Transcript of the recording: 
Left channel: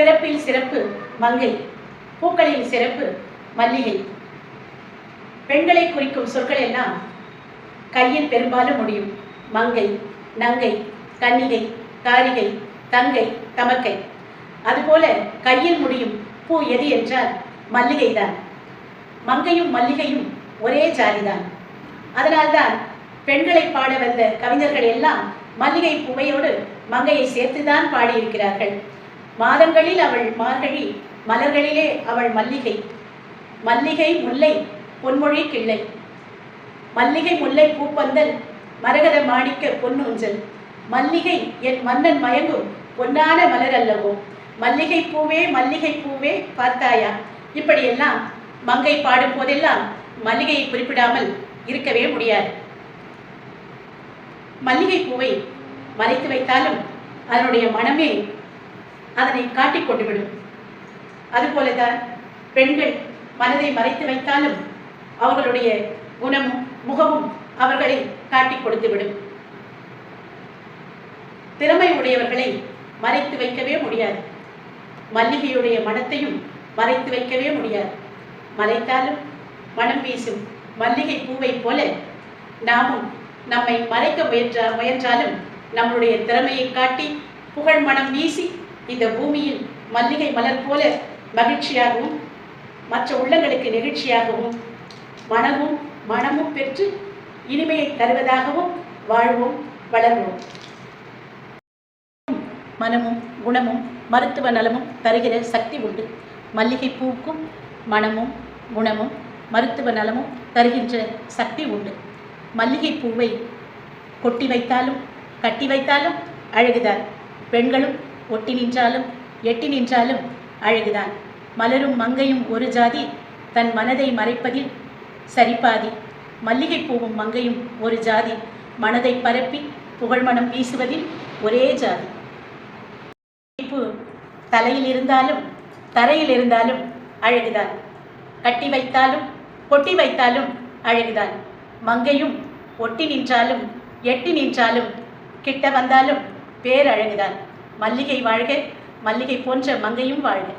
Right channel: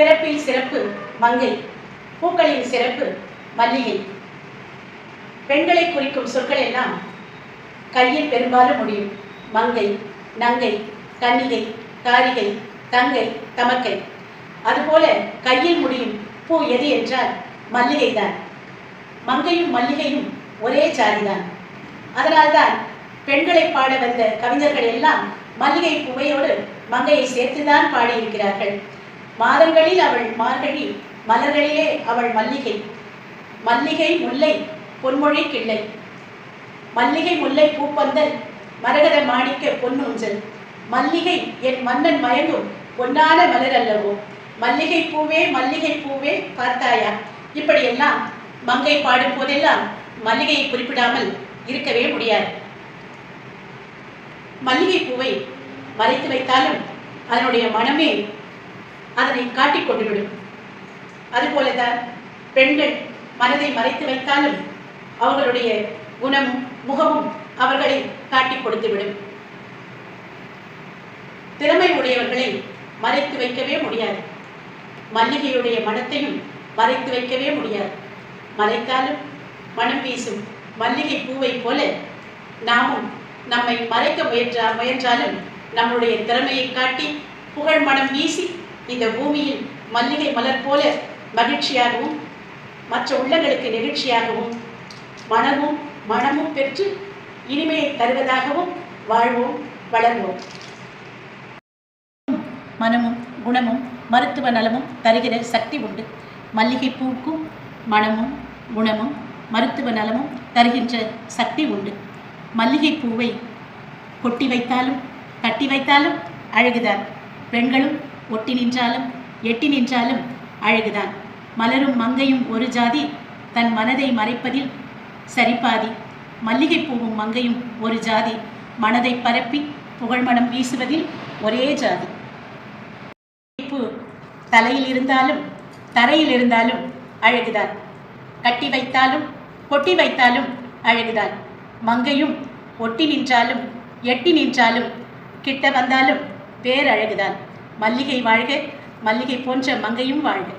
பிறப்பில் சிறப்பு மங்கை. பூக்களின் சிறப்பு மல்லிகை. பெண்களை குறிக்கும் சொற்கள் எல்லாம் கையில் பெரும்பாலும் முடியும். மங்கை நங்கை கன்னிகை தாரிகை தங்கை தமக்கை. அதுபோல கையில் முடியும் பூ எது என்றால் மல்லிகைதான். மங்கையும் மல்லிகையும் ஒரே ஜாதிதான் அதனால்தான் பெண்களை பாட வந்த கவிஞர்கள் எல்லாம் மல்லிகை பூவையோடு மங்கையை சேர்த்துதான் பாடியிருக்கிறார்கள். மாதங்களில் அவள் மார்கழி மலர்களிலே அவள் மல்லிகை. மல்லிகை முல்லை பொன்மொழி கிள்ளை. மல்லிகை முல்லை பூப்பந்தல் மரகத மாணிக்க பொன்னூஞ்சல். மல்லிகை என் மன்னன் மயங்கும் பொன்னான மலர் அல்லவோ? மல்லிகை பூவே மல்லிகை பூவே பார்த்தாயா? இப்படியெல்லாம் மங்கை பாடும் போதெல்லாம் மல்லிகையை குறிப்பிடாமல் இருக்கவே முடியாது. மல்லிகை பூவை மறைத்து வைத்தாலும் அதனுடைய மனமே அதனை காட்டிக் கொண்டுவிடும். அதுபோலதான் பெண்கள் மனதை மறைத்து வைத்தாலும் அவர்களுடைய குணமும் முகமும் அவர்களை காட்டிக் கொடுத்துவிடும். திறமை உடையவர்களை மறைத்து வைக்கவே முடியாது. மல்லிகையுடைய மனத்தையும் மறைத்து வைக்கவே முடியாது. மறைத்தாலும் மனம் வீசும் மல்லிகை பூவை போல நாமும் நம்மை மறைக்க முயன்றா முயன்றாலும் நம்முடைய திறமையை காட்டி புகழ் மனம் வீசி இந்த பூமியில் மல்லிகை மலர் போல மகிழ்ச்சியாகவும் மற்ற உள்ளங்களுக்கு நெகிழ்ச்சியாகவும் மனமும் மனமும் பெற்று இனிமையை தருவதாகவும் வாழ்வோம் வளர்வோம். மனமும் குணமும் மருத்துவ நலமும் தருகிற சக்தி உண்டு. மல்லிகை பூக்கும் மனமும் குணமும் மருத்துவ நலமும் தருகின்ற சக்தி உண்டு. மல்லிகை பூவை கொட்டி வைத்தாலும் கட்டி வைத்தாலும் அழகுதான். பெண்களும் ஒட்டி நின்றாலும் எட்டி நின்றாலும் அழகுதான். மலரும் மங்கையும் ஒரு ஜாதி தன் மனதை மறைப்பதில் சரிபாதி. மல்லிகை பூவும் மங்கையும் ஒரு ஜாதி மனதை பரப்பி புகழ்மணம் வீசுவதில் ஒரே ஜாதி. தலையில் இருந்தாலும் தரையில் இருந்தாலும் அழகுதான். கட்டி வைத்தாலும் கொட்டி வைத்தாலும் அழகுதான். மங்கையும் ஒட்டி நின்றாலும் எட்டி நின்றாலும் கிட்ட வந்தாலும் பேரழகுதான் மல்லிகை வாழ்க மல்லிகை போன்ற மங்கையும் வாழ்க.